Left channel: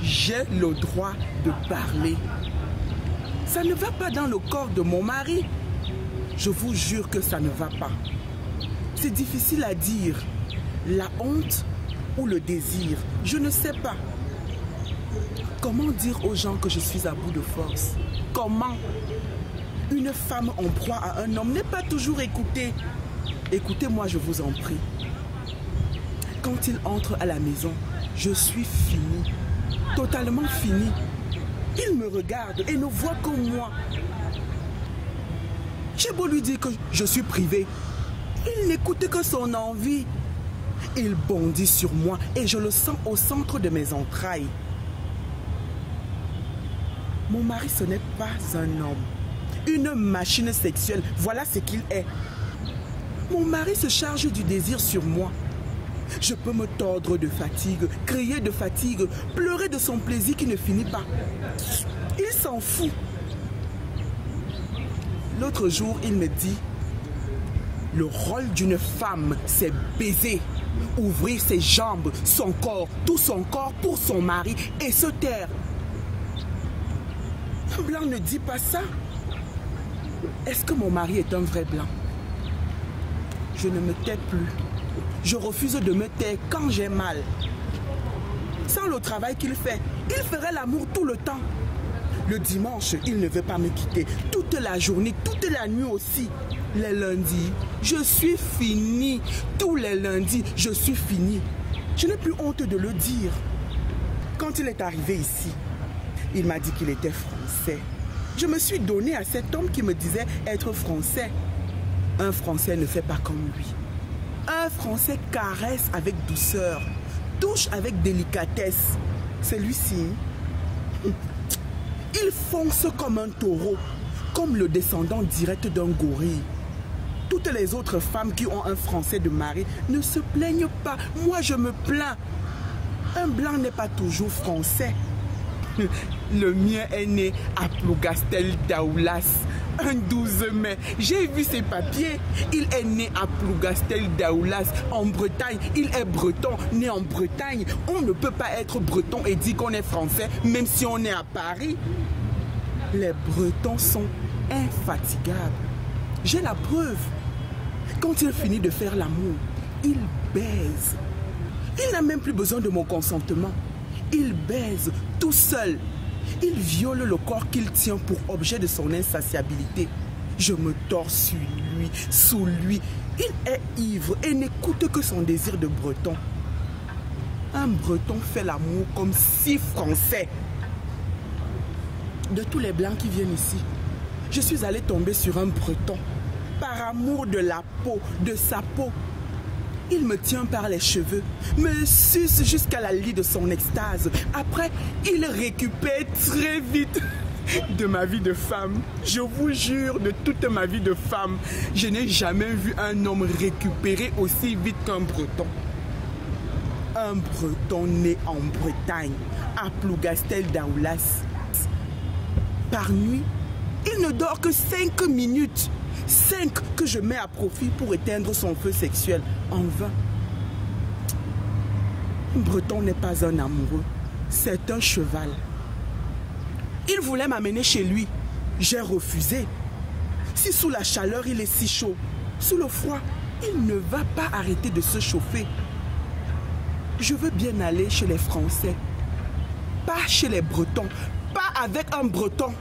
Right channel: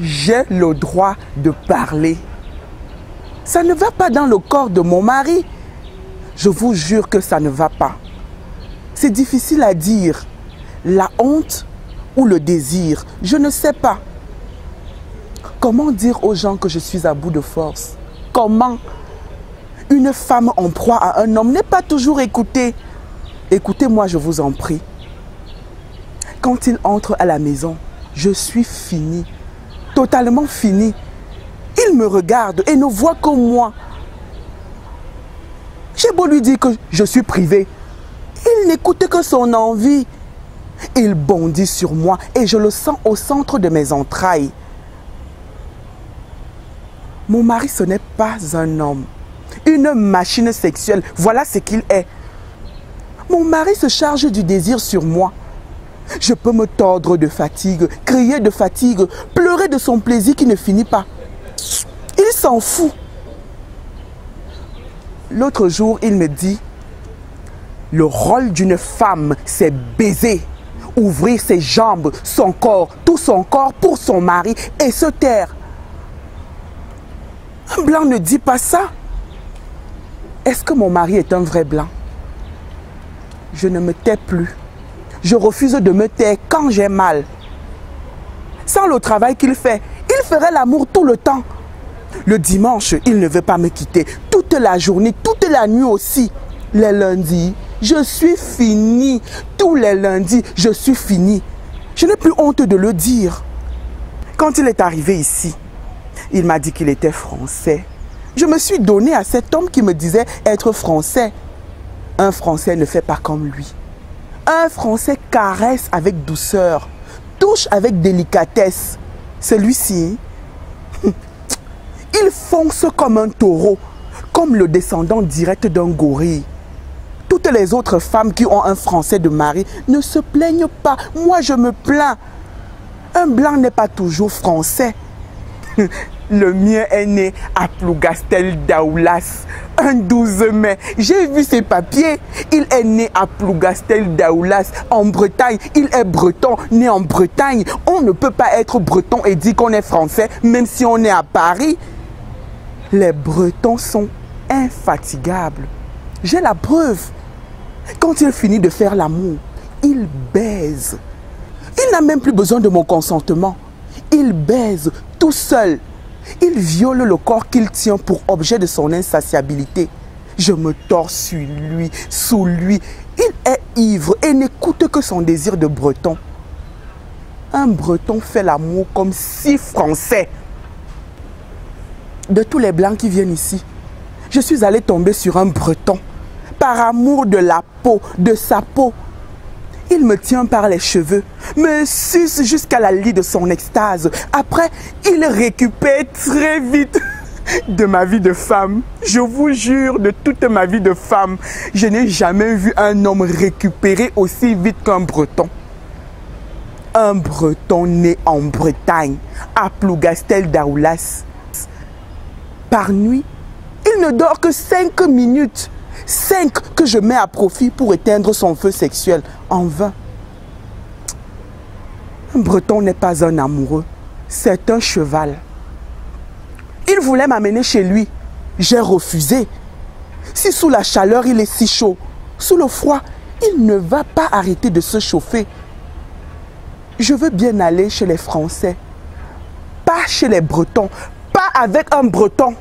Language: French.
J'ai le droit de parler. Ça ne va pas dans le corps de mon mari. Je vous jure que ça ne va pas. C'est difficile à dire. La honte ou le désir, je ne sais pas. Comment dire aux gens que je suis à bout de force? Comment? Une femme en proie à un homme n'est pas toujours écoutée. Écoutez-moi, je vous en prie. Quand il entre à la maison, je suis finie. Totalement finie. Il me regarde et ne voit que moi. J'ai beau lui dire que je suis privée. Il n'écoute que son envie. Il bondit sur moi et je le sens au centre de mes entrailles. Mon mari, ce n'est pas un homme. Une machine sexuelle, voilà ce qu'il est. Mon mari se charge du désir sur moi. Je peux me tordre de fatigue, crier de fatigue, pleurer de son plaisir qui ne finit pas. Il s'en fout. L'autre jour, il me dit, le rôle d'une femme, c'est baiser, ouvrir ses jambes, son corps, tout son corps pour son mari et se taire. Un blanc ne dit pas ça. Est-ce que mon mari est un vrai blanc? Je ne me tais plus. Je refuse de me taire quand j'ai mal. Sans le travail qu'il fait, il ferait l'amour tout le temps. Le dimanche, il ne veut pas me quitter. Toute la journée, toute la nuit aussi. Les lundis, je suis finie. Tous les lundis, je suis finie. Je n'ai plus honte de le dire. Quand il est arrivé ici, il m'a dit qu'il était français. Je me suis donné à cet homme qui me disait être français. Un Français ne fait pas comme lui. Un Français caresse avec douceur, touche avec délicatesse. Celui-ci, il fonce comme un taureau, comme le descendant direct d'un gorille. Toutes les autres femmes qui ont un Français de mari ne se plaignent pas. Moi, je me plains. Un blanc n'est pas toujours français. Le mien est né à Plougastel Daoulas, un 12 mai. J'ai vu ses papiers. Il est né à Plougastel Daoulas, en Bretagne. Il est breton, né en Bretagne. On ne peut pas être breton et dire qu'on est français, même si on est à Paris. Les Bretons sont infatigables. J'ai la preuve. Quand il finit de faire l'amour, il baise. Il n'a même plus besoin de mon consentement. Il baise tout seul. Il viole le corps qu'il tient pour objet de son insatiabilité. Je me tords sur lui, sous lui. Il est ivre et n'écoute que son désir de breton. Un breton fait l'amour comme 6 Français. De tous les blancs qui viennent ici, je suis allée tomber sur un breton. Par amour de la peau, de sa peau. Il me tient par les cheveux, me suce jusqu'à la lie de son extase. Après, il récupère très vite de ma vie de femme. Je vous jure, de toute ma vie de femme, je n'ai jamais vu un homme récupérer aussi vite qu'un breton. Un breton né en Bretagne, à Plougastel Daoulas. Par nuit, il ne dort que 5 minutes. 5 que je mets à profit pour éteindre son feu sexuel en vain. Un breton n'est pas un amoureux, c'est un cheval. Il voulait m'amener chez lui. J'ai refusé. Si sous la chaleur il est si chaud, sous le froid, il ne va pas arrêter de se chauffer. Je veux bien aller chez les Français, pas chez les Bretons, pas avec un Breton.